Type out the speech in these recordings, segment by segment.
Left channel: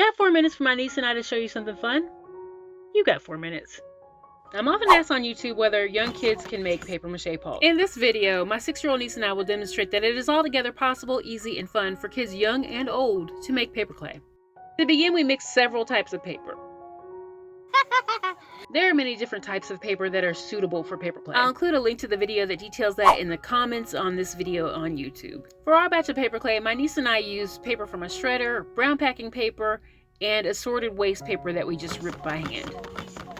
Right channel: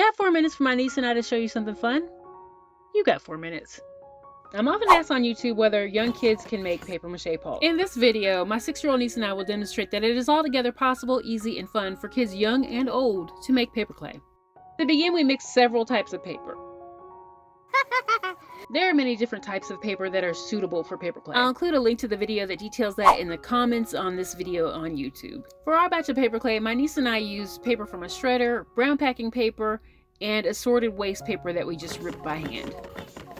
Got 4 minutes for my niece and I to show you something fun? You got 4 minutes. I'm often asked on YouTube whether young kids can make paper mache pulp. In this video, my 6-year-old niece and I will demonstrate that it is altogether possible, easy, and fun for kids young and old to make paper clay. To begin, we mix several types of paper. There are many different types of paper that are suitable for paper clay. I'll include a link to the video that details that in the comments on this video on YouTube. For our batch of paper clay, my niece and I used paper from a shredder, brown packing paper, and assorted waste paper that we just ripped by hand.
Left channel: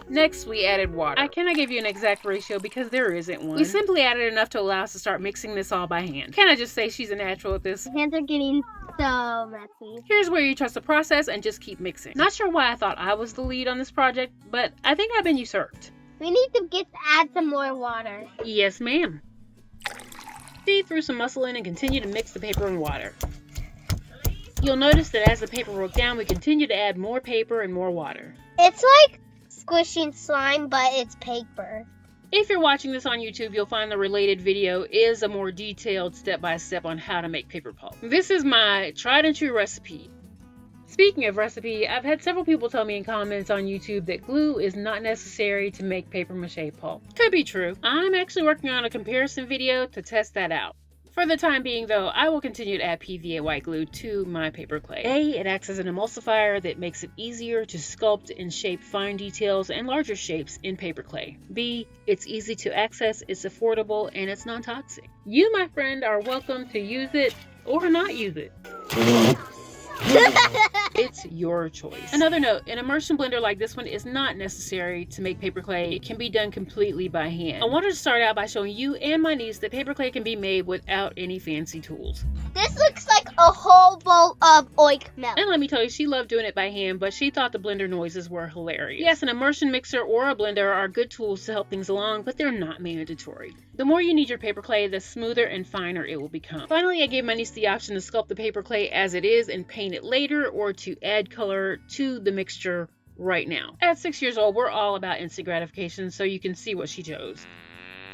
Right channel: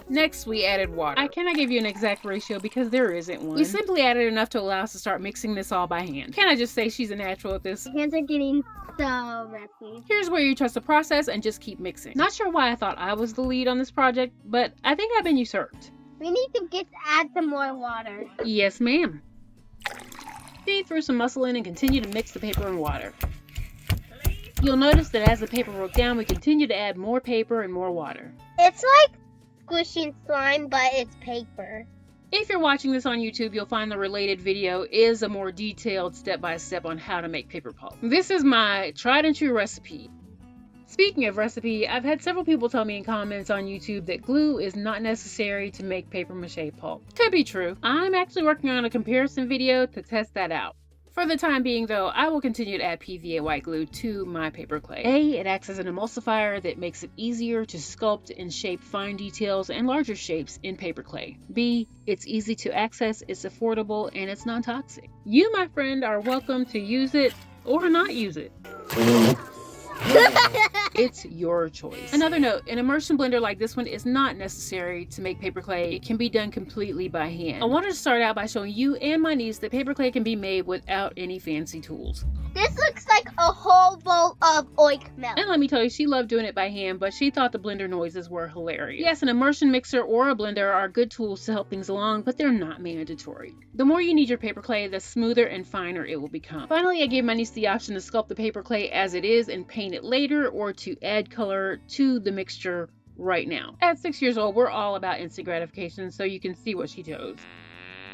Next, we added water. I cannot give you an exact ratio because there isn't one. We simply added enough to allow us to start mixing this all by hand. Can I just say she's a natural at this? My hands are getting so messy. Here's where you trust the process and just keep mixing. Not sure why I thought I was the lead on this project, but I think I've been usurped. We need to add some more water. Yes, ma'am. Feed through some muscle in and continue to mix the paper and water. You'll notice that as the paper broke down, we continue to add more paper and more water. It's like squishing slime, but it's paper. If you're watching this on YouTube, you'll find the related video is a more detailed step-by-step on how to make paper pulp. This is my tried and true recipe. Speaking of recipe, I've had several people tell me in comments on YouTube that glue is not necessary to make paper mache pulp. Could be true. I'm actually working on a comparison video to test that out. For the time being though, I will continue to add PVA white glue to my paper clay. A, it acts as an emulsifier that makes it easier to sculpt and shape fine details and larger shapes in paper clay. B, it's easy to access, it's affordable, and it's non-toxic. You, my friend, are welcome to use it or not use it. It's your choice. Another note, an immersion blender like this one is not necessary to make paper clay. It can be done completely by hand. I wanted to start out by showing you and my niece that paper clay can be made without any fancy tools. This looks like a whole bowl of ointment. And let me tell you, she loved doing it by hand, but she thought the blender noises were hilarious. Yes, an immersion mixer or a blender are good tools to help things along, but they're not mandatory. The more you need your paper clay, the smoother and finer it will become. Finally, I gave my niece the option to sculpt the paper clay as it is and paint it later, or to add color to the mixture right now. At 6 years old, we're all about instant gratification, so you can see what she chose.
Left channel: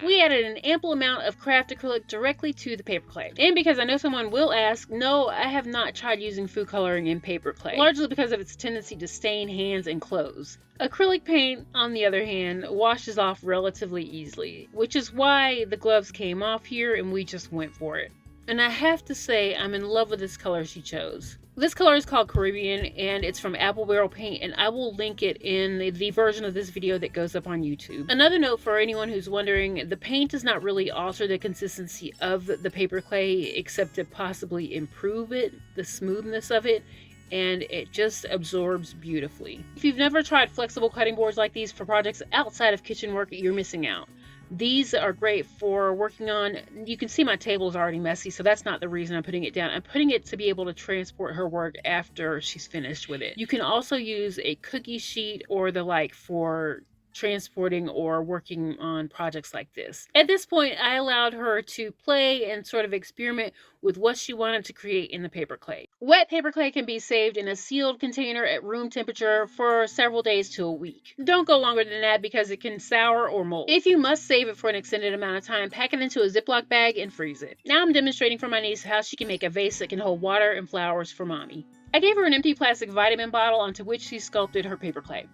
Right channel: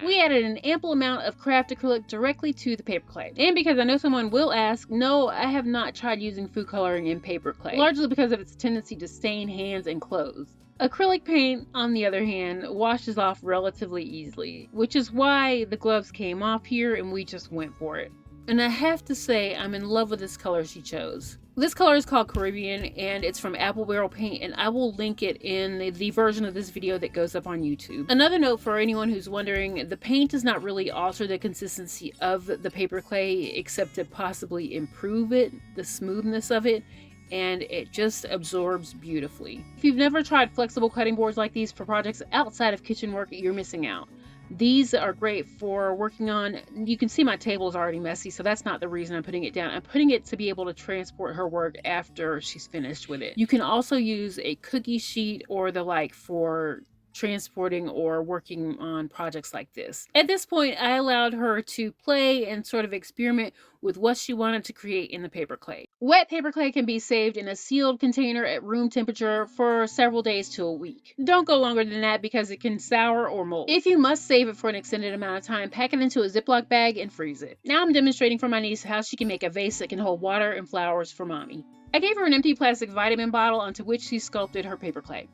We added an ample amount of craft acrylic directly to the paper clay. And because I know someone will ask, no, I have not tried using food coloring in paper clay, largely because of its tendency to stain hands and clothes. Acrylic paint, on the other hand, washes off relatively easily, which is why the gloves came off here and we just went for it. And I have to say, I'm in love with this color she chose. This color is called Caribbean, and it's from Apple Barrel Paint, and I will link it in the version of this video that goes up on YouTube. Another note for anyone who's wondering, the paint does not really alter the consistency of the paper clay, except to possibly improve it, the smoothness of it, and it just absorbs beautifully. If you've never tried flexible cutting boards like these for projects outside of kitchen work, you're missing out. These are great for working on. You can see my table is already messy, so that's not the reason I'm putting it down. I'm putting it to be able to transport her work after she's finished with it. You can also use a cookie sheet or the like for transporting or working on projects like this. At this point, I allowed her to play and sort of experiment with what she wanted to create in the paper clay. Wet paper clay can be saved in a sealed container at room temperature for several days to a week. Don't go longer than that because it can sour or mold. If you must save it for an extended amount of time, pack it into a Ziploc bag and freeze it. Now I'm demonstrating for my niece how she can make a vase that can hold water and flowers for mommy. I gave her an empty plastic vitamin bottle onto which she sculpted her paper clay.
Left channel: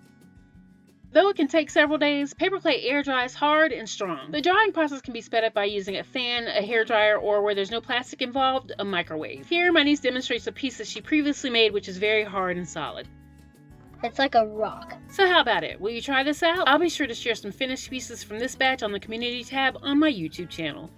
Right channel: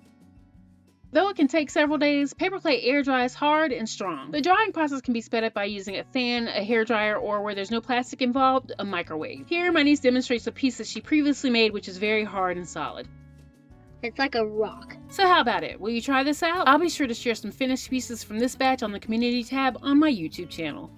Though it can take several days, paper clay air dries hard and strong. The drying process can be sped up by using a fan, a hairdryer, or where there's no plastic involved, a microwave. Here, my niece demonstrates a piece that she previously made, which is very hard and solid. It's like a rock. So how about it? Will you try this out? I'll be sure to share some finished pieces from this batch on the community tab on my YouTube channel.